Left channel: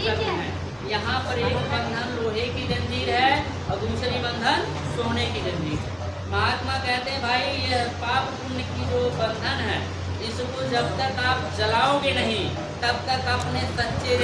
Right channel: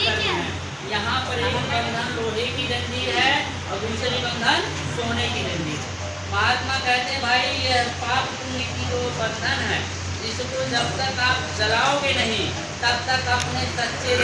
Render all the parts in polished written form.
करते हैं। यहाँ पर एक बंधन लोहे की जंजीर है और दूसरी बंधन सोने की जंजीर। महात्मा कहते हैं भाई ये पाप पुण्य की जो बंधन है इसको जब तक आप जलाओगे नहीं तब तक अपने सच्चे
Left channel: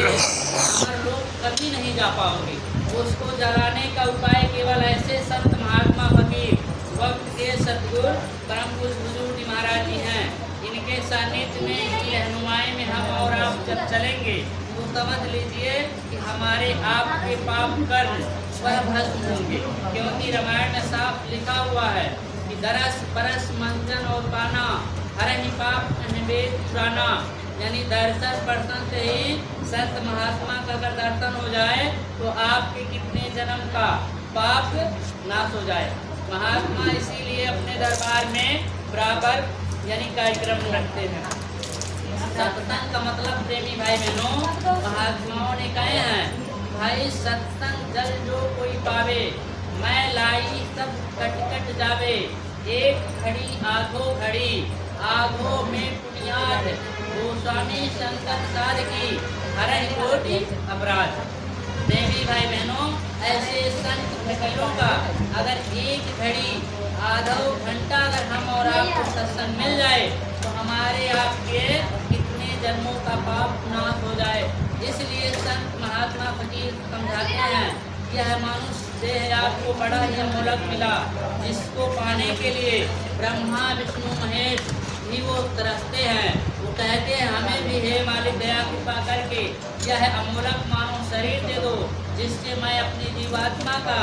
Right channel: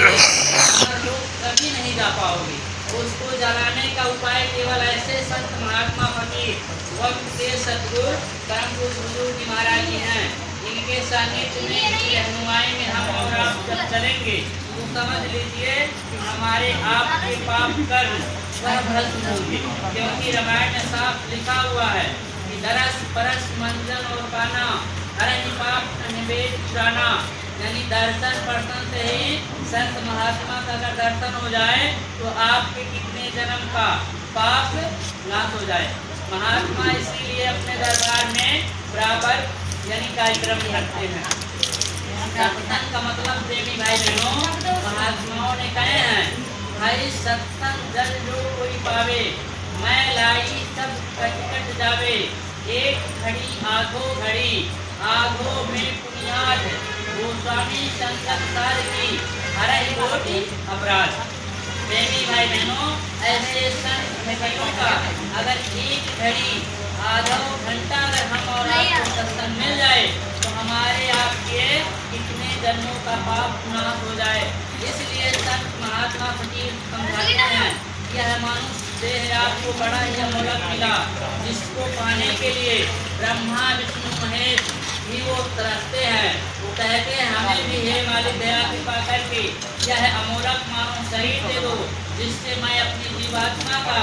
लोग कभी नहीं जा पाओगे। उसको जलाने का उपाय केवल ऐसे संत महात्मा फकीर वक्त के सदगुरु परम गुरु जी महाराज जी हैं। इनके सानिध्य में इनकी रहनुमाई में हम और आप जब चलेंगे तो समझ लीजिए कि हमारे आपके पाप कर्म वह भस्म होंगे। क्योंकि रामायण में साफ लिखा हुआ है कि दरस परस मंजन और गाना हरे पाप निवेद पुराना, यानी दर्शन पर्शन से ही संत महात्मा का अगर दर्शन हो जाए तो आपके कितने जन्म का पाप नाश हो जाए। महात्मा इसीलिए अपने दरबार में बराबर यानी कार्यक्रम रखते हैं। सत्संग का मतलब प्रेमी भाई बहनों महात्माओं ने कहे हैं भाई सत्संग जल जो कोई पावे मैं लाई सब कट जावे। एक घड़ी आधो घड़ी आधो में पुनियाद गोस्वामी संसार की हरे कोटि अपराध। प्रेमी भाई बहनों ऐसे संत भाइयों का अगर एक घड़ी आधा घंटा अगर हम और आपको सत्संग मिल जाए तो हमारे आपके कितने जन्मों का पाप नाश हो जाए। इसलिए संत महात्मा फकीर समझाते हैं यह मानुष देह आपको बड़ा ही मोलक मिला जिसको पाने के लिए ब्रह्मा विष्णु महेश भी वो तरसते हैं। वो कहते हैं हमें भी हे मालिक दया कृपा करके यह अमोलक मानव शरीर दे दो जिससे मैं अपनी जीवात्मा का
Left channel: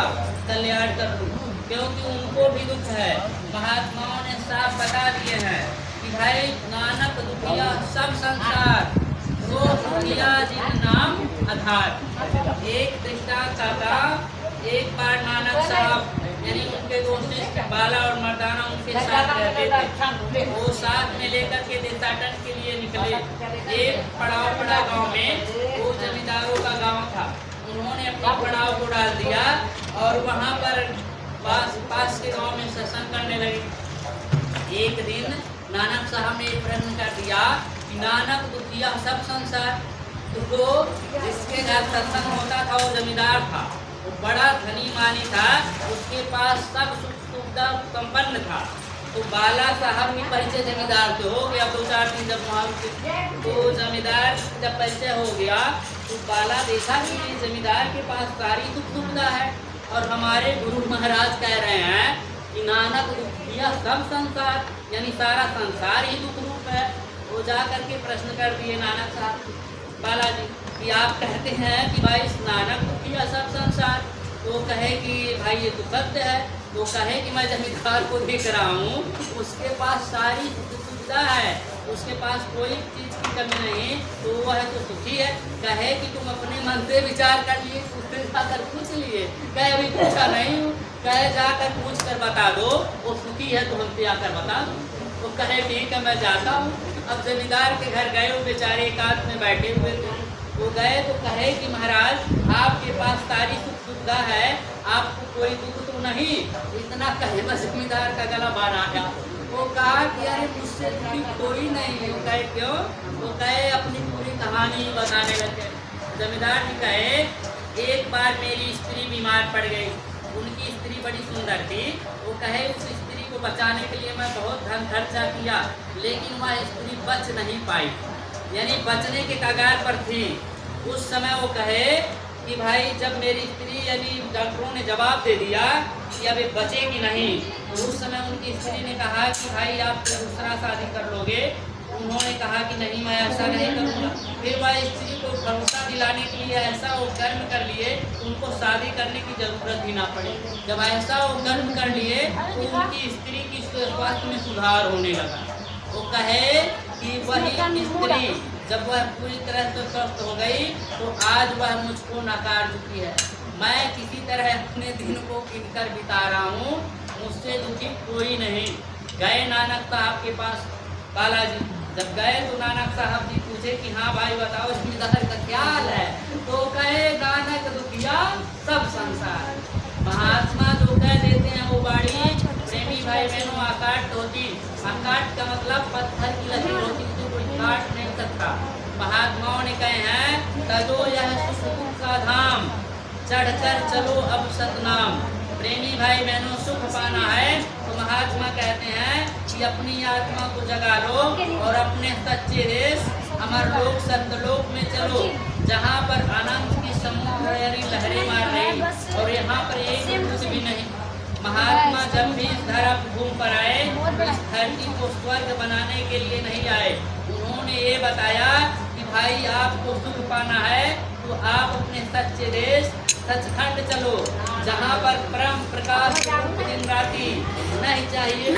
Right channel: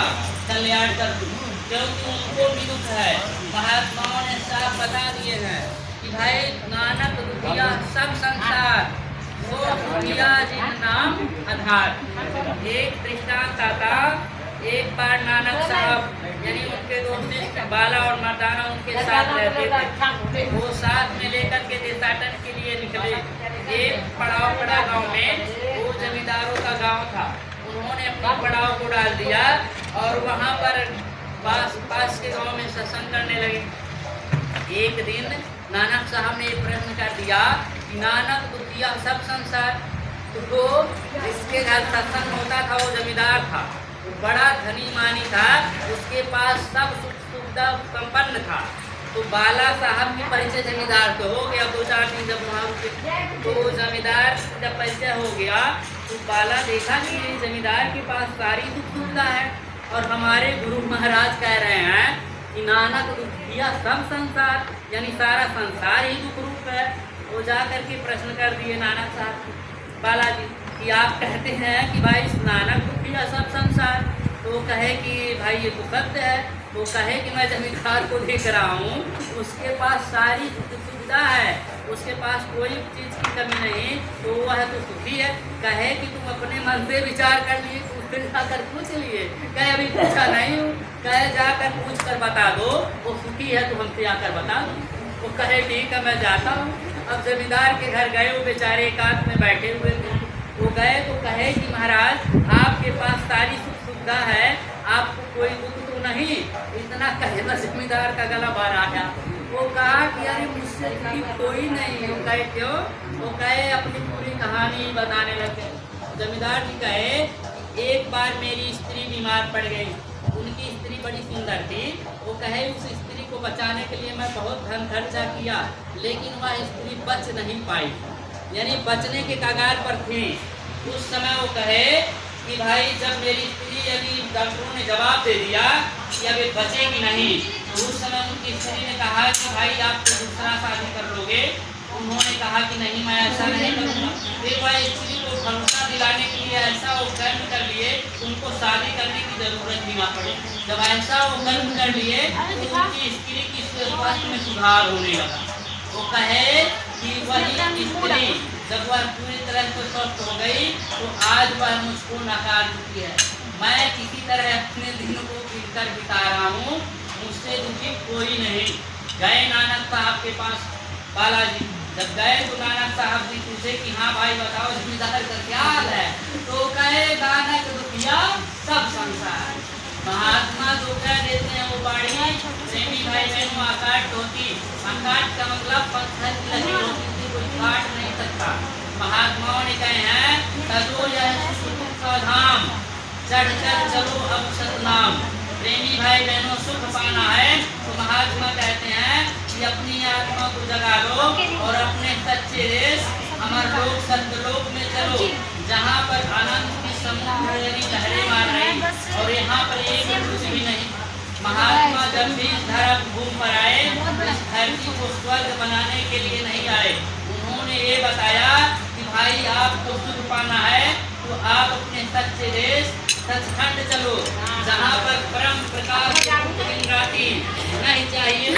कल्याण कर दूं। क्योंकि उनको भी दुख है। महात्माओं ने साफ बता दिए हैं कि भाई नानक दुखिया सब संसार वो दुखिया जिन नाम आधार। एक दृष्टांत आता एक बार नानक साहब यानी उनके दोस्त बाला और मर्दाना उनके साथ रहते थे। वो साथ में लेकर के देशाटन के लिए निकले। एक पड़ाव पड़ा गांव में वो जमींदारों का गांव था। उन्होंने अपने पड़ाव को डाल दिया और वहां पर पास के गांव में सत्संग करने लगे। एक दिन नानक साहब ने एक प्रश्न कर दिया कि नानक दुखिया सब संसार। तो जिसके घर सत्संग होता था वो जमींदार था, वो बड़ा धनी मानी था, उसके पास सब सुख सुविधा संपन्न था। तो बाला साहब की परिचय जमींदार से हो गया। 2-4 दिन जब वहाँ तो जमींदार जब परिचय हो गया तो बाला देखा कि जमींदार के पास सारी सुख सुविधा है और हमारे गुरु महाराज कह रहे हैं कि नानक दुखिया सब संसार, यानी सारा संसार ही दुख रूप है। वो जा करके प्रश्न कर दिए नानक साहब बालाजी कि आप कहते हैं कि भाई नानक दुखिया सब संसार। तो कहे कि भाई ये तो सत्य है। वो कहे कि मैं जमींदार को देख रहा हूँ उसके पास सारी सुविधा है, उसके पास कोई चीज़ की कमी नहीं, तो वह तो सुखी है। कहे कि तुम अपने मन से विचार कर लिए, उससे जाकर पूछ लिए। कहे अभी पूछा नहीं हूँ। कहे जाकर पूछ कर बता दो वो सुखी है तो हमसे आकर बता दो। वो कहे ठीक है मैं जाता हूँ। अब जमींदार के घर गए, वो बेचारे एकांत में बैठे हुए थे। वो गए तो कहे कि महाराज आपके पास सारी सुख सुविधा है, आपको कोई दुख तो नहीं। इतना कहे बस जमींदार का गला बाहर आ गया। वो कहा कि अरे मुझसे दुखी कोई नहीं। वो कहे क्यों? वो कहे अपनी पूरी कहानी बताने लगे। जमींदार जी कहे एक बार मेरी स्त्री बीमार पड़ गई। उनकी स्त्री बड़ी सुंदर थी। वो कहे उस स्त्री को बचाने के लिए मैं बहुत धन खर्चा किया लेकिन वह स्त्री बच नहीं पाई, यानी बचने के कगार पर थी। उस समय वो कहे कि भाई जब मेरी स्त्री यदि डॉक्टरों ने जवाब दे दिया कि अब ये बचेगी नहीं, तो उस समय उनकी स्त्री ने कहा कि भाई आप तो दूसरा शादी कर लोगे। उन्होंने कहा कि नहीं मैं ऐसा नहीं करूँगा। फिर वह स्त्री को भरोसा दिलाने के लिए ऐसा वो कर्म कर लिए उनको शादी करने की जरूरत भी ना पड़ी। जब ऐसा वो कर्म कर लिए तो उनकी स्त्री की स्वास्थ्य में सुधार होने लगा। वो कहे कि वही स्त्री जब वह पूरी तरह से स्वस्थ हो गई तो आज वह मुझको नकार चुकी है। मैं किसी तरह अपने दिन को गिरकर बिता रहा हूँ, मुझसे दुखी कोई नहीं। गए नानक साहब के पास बालाजी। जब गए तो नानक साहब जी पूछे कि हाँ भाई बताओ जमींदार का क्या हाल है। तो कहे नानक दुखिया सब संसार। महात्मा जो कह देते हैं वो बाड़ी प्रेमी भाई बहनों आकाट होती। आकाट का मतलब पत्थर की लगी होती थी, कोई काट नहीं सकता। महात्माओं ने कहे हैं तजो यह चढ़कर चलो अब सतनाम। प्रेमी भाई बहनों, सुख पाना है तो महात्मा कहते हैं कि अपनी आत्मा को जगा लो और अपने सच्चे देश अमर लोक सत्यलोक में चलो, जहाँ पर आनंद की समुद्र लहरें मार रही और यहाँ पर एक कुछ भी नहीं। महात्मा जब भी इस धरती भूमि पर आए, इस धरती को स्वर्ग बनाने के लिए नहीं आए। उन्होंने ये बताया कि भाई आपको सुख पाना है तो आप अपने सच्चे देश सचखंड चलो, जहाँ पर परम प्रकाश दिन राति नहीं चाहिए